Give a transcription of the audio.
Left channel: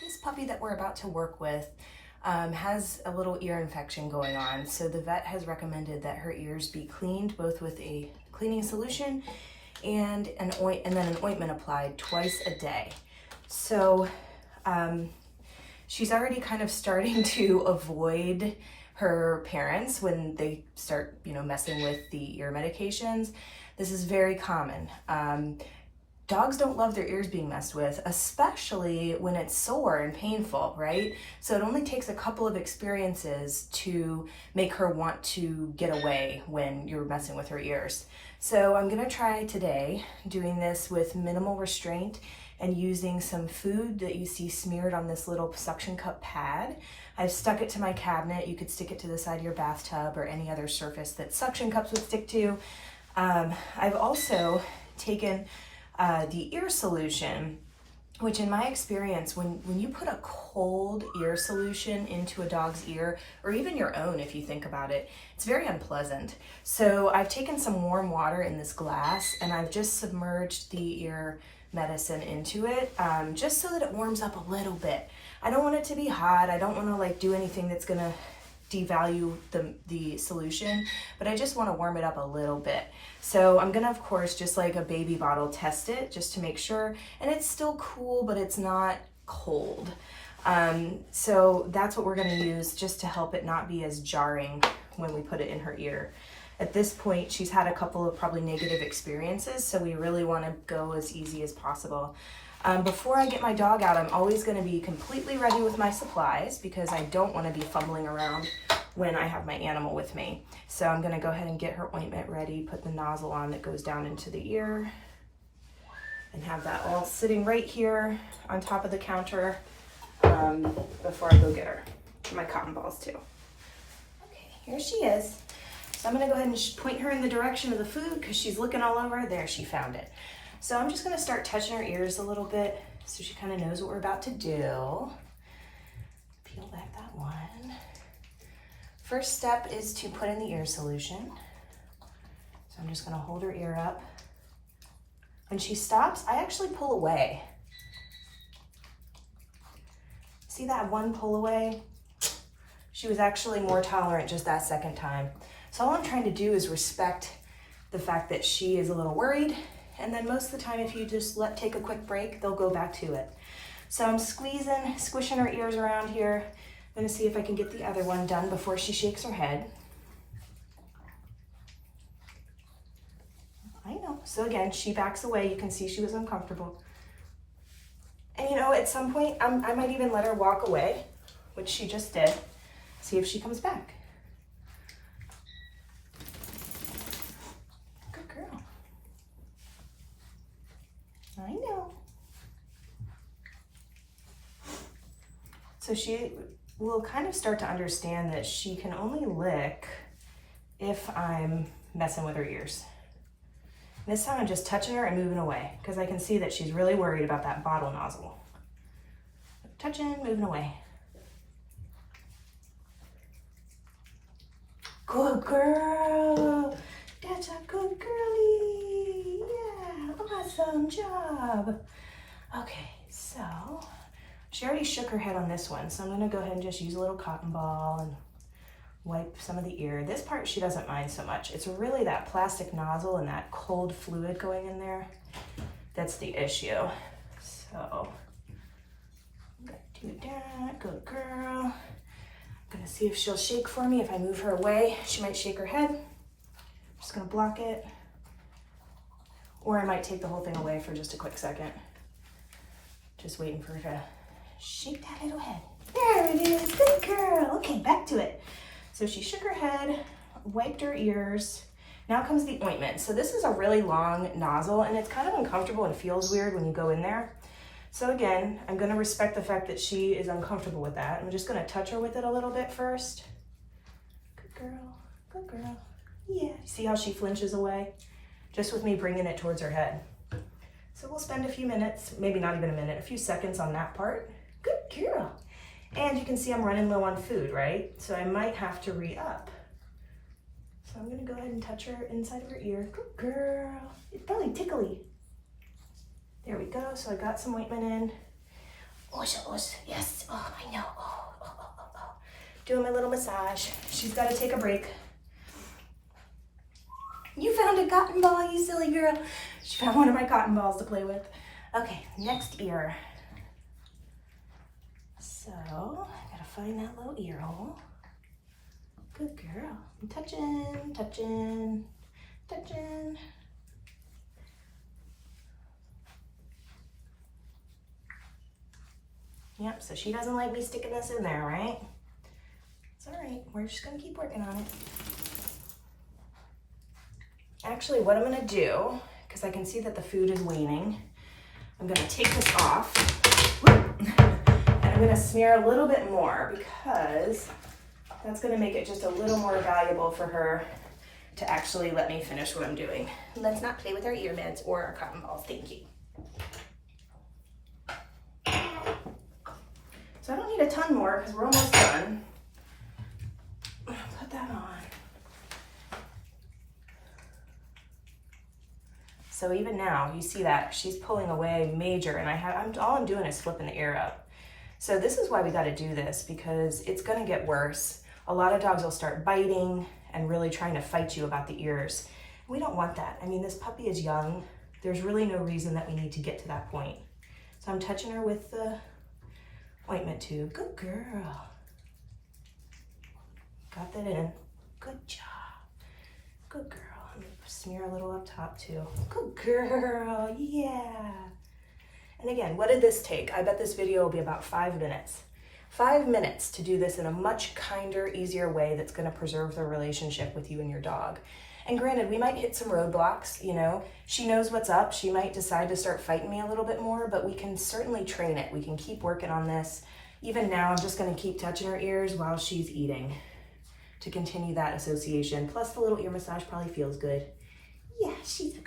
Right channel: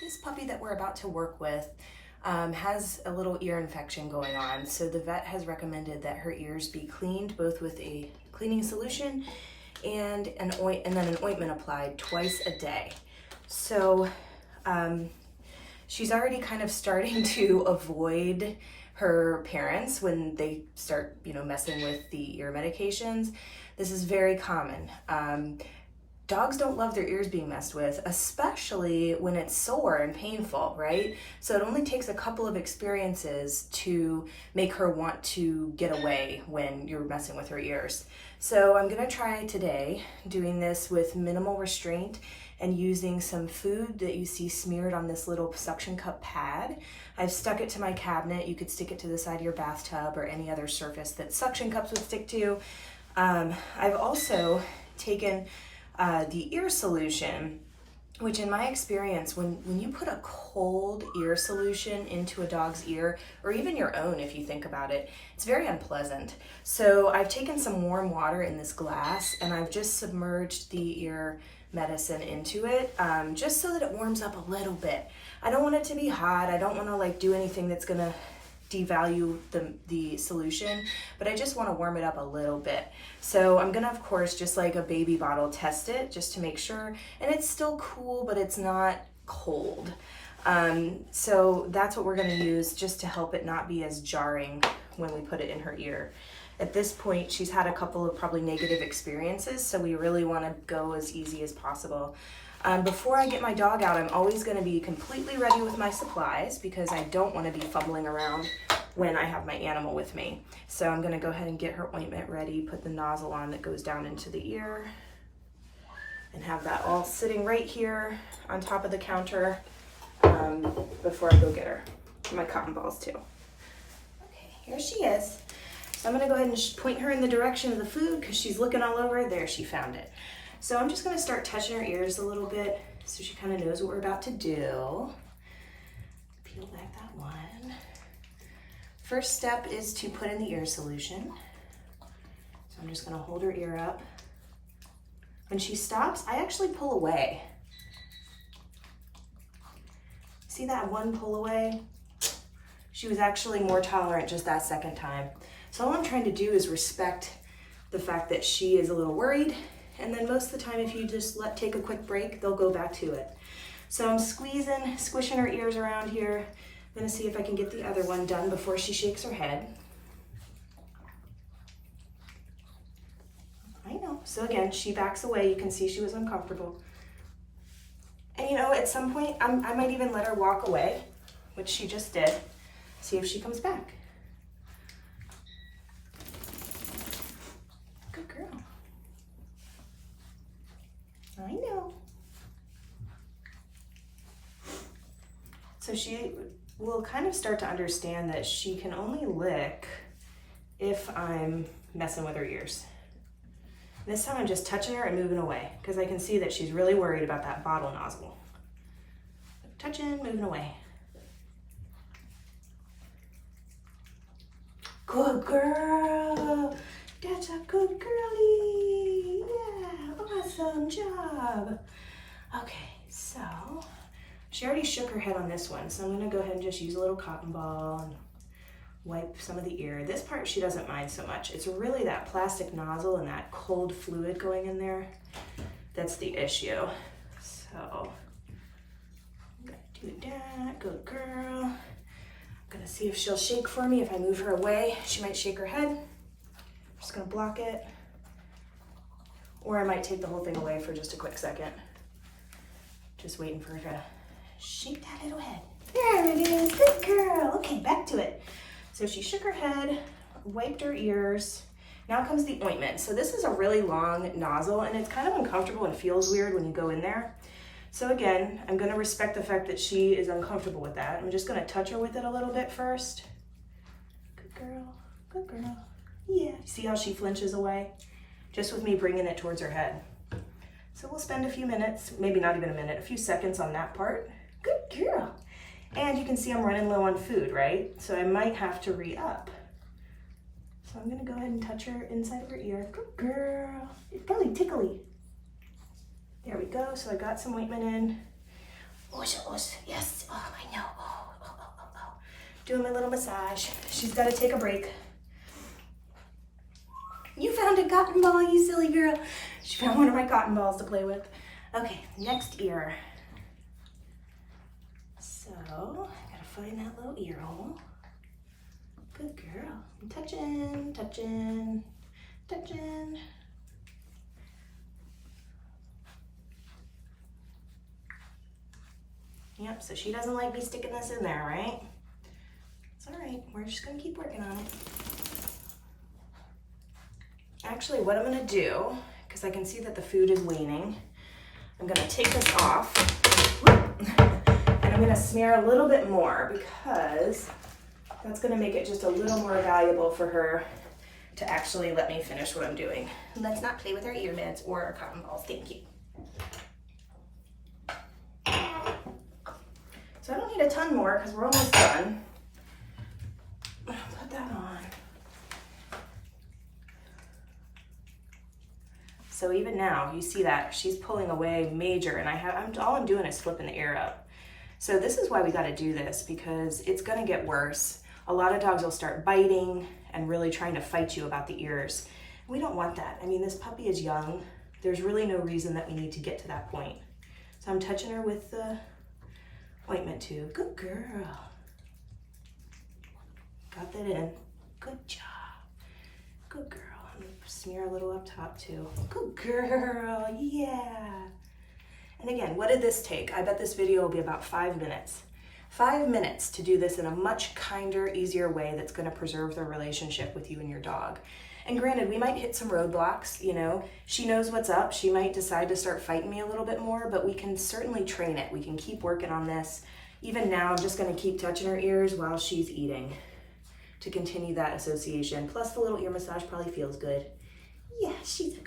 This puppy that we're about to work with has a little ear infection going on. So the vet has recommended that her ears be cleaned both with a cleaning solution and then an ointment applied twice a day. So she's already kind of starting to avoid her parents when they start, messing with the ear medications. This is very common. Dogs don't love their ears being messed with, especially when it's sore and painful, right? So it only takes a couple of experiences to make her want to get away when you're messing with her ears. So I'm gonna try today doing this with minimal restraint and using some food that you see smeared on this little suction cup pad. I've stuck it to my cabinet. You could stick it to the side of your bathtub or any other surface that suction cups would stick to. I've also taken the ear solution, which in my experience, when you put a cold ear solution into a dog's ear, or even your own if you think about it, it's very unpleasant. So I've taken some warm water in this glass and I've just submerged the ear medicine into it, just so that it warms up a little bit. I don't want it to be hot. I don't want to do anything that's gonna devalue the solution, but I just want to warm it up a little bit. So I'm gonna, of course, just like a baby bottle, test it just to make sure, and it's still cool, but it's not cold. So that's what we're gonna use just to help it not be as jarring when we put it in her ear. At this point, she's had a couple of probably negative experiences, so we really want to go as easy as possible. Before I get my dog out, I'm always going to be completely ready with my supplies because I don't want to be fumbling around when I have my animal with me. So I'm going to go ahead and get her ointment ready, put the nozzle on that goes down into the ear, and have that all sitting right here on top of the counter before I go get her. My cotton balls too. Okay, here she is. So I'm gonna go ahead and point her in the direction of the food because she's looking all over. There, she found it. So I'm just gonna start touching her ears a little bit so she kind of knows what we're about to do. Peel back that one. First step is to put in the ear solution. So I'm just gonna hold her ear up. When she stops, I actually pull away. See that one pull away? She was actually more tolerant just that second time. So all I'm trying to do is respect the fact that she is a little worried, and then most of the time if you just take a quick break, they'll go back to it. So I'm squishing her ears around here. I'm gonna see if I can get the other one done before she shakes her head. I know, so again, she backs away. You can see she was uncomfortable. And at some point, I might even let her walk away, which she just did. See if she comes back. Good girl. I know. So she will kind of start to understand that she can only lick if I'm messing with her ears. This time I'm just touching her and moving away because I can see that she's really worried about that bottle nozzle. Touching, moving away. Good girl. That's a good girlie. Yeah, awesome job. Okay, so she already shook her head on this one, so I'm gonna go ahead and just use a little cotton ball and wipe some of the ear. This part she doesn't mind so much. It's really that plastic nozzle and that cold fluid going in there that's the issue. So I'm gonna do that. Good girl. I'm gonna see if she'll shake for me. If I move her away, she might shake her head. I'm just gonna block it. Or I might take the whole thing away for just a quick second. Just waiting for her to shake that little head. There it is, good girl. Okay, back to it. So she shook her head, wiped her ears. Now comes the ointment. So this is a really long nozzle and it's kind of uncomfortable and feels weird when you go in there. So again, I'm gonna respect the fact that she is uncomfortable with that. I'm just gonna touch her with it a little bit first. Good girl, good girl. Yeah, see how she flinches away? Just with me bringing it towards her head. So we'll spend a few minutes, maybe not even a minute, a few seconds on that part. Good girl. And you can see I'm running low on food, right? So I might have to re-up. So I'm gonna go ahead and touch her inside of her ear. Good girl. It's probably tickly. There we go. So I got some ointment in. Yes. Oh, I know. Oh. Doing my little massage. She's got to take a break. You found a cotton ball, you silly girl. She found one of my cotton balls to play with. Okay, next ear. So, I gotta find that little ear hole. Good girl. I'm touching. Yep, so she doesn't like me sticking this in there, right? It's all right, we're just gonna keep working on it. Actually, what I'm gonna do, because I can see that the food is waning, I'm gonna take this off, and I'm gonna smear a little bit more because that's gonna make it just a little more valuable for her to actually let me finish what I'm doing. Let's not play with our earbuds or our cotton balls, thank you. So I don't need a ton more because we're almost done. Put that on. So even now, you see that she's pulling away major, and all I'm doing is flipping the ear up. So this is why we got to do this, because it's going to get worse. A lot of dogs will start biting and really trying to fight you about the ears. We don't want that. I mean, this puppy is young. There's really no reason that we need to get to that point. So I'm touching her with the ointment tube. Good girl. Got that in. Good job. Good girl. I'm gonna smear a little up top too. Good girl. Yeah. And again, what did this take? I bet this video will be about 5 minutes. 5 minutes to do this in a much kinder, easier way that's going to preserve the relationship with you and your dog. And granted, we might hit some roadblocks, you know. She knows what's up. She might decide to start fighting me a little bit more, but we can certainly train it. We can keep working on this. Even now, I'm just going to keep touching her ears while she's eating to continue that association. Plus, the little ear massage probably feels good. Yeah, she's a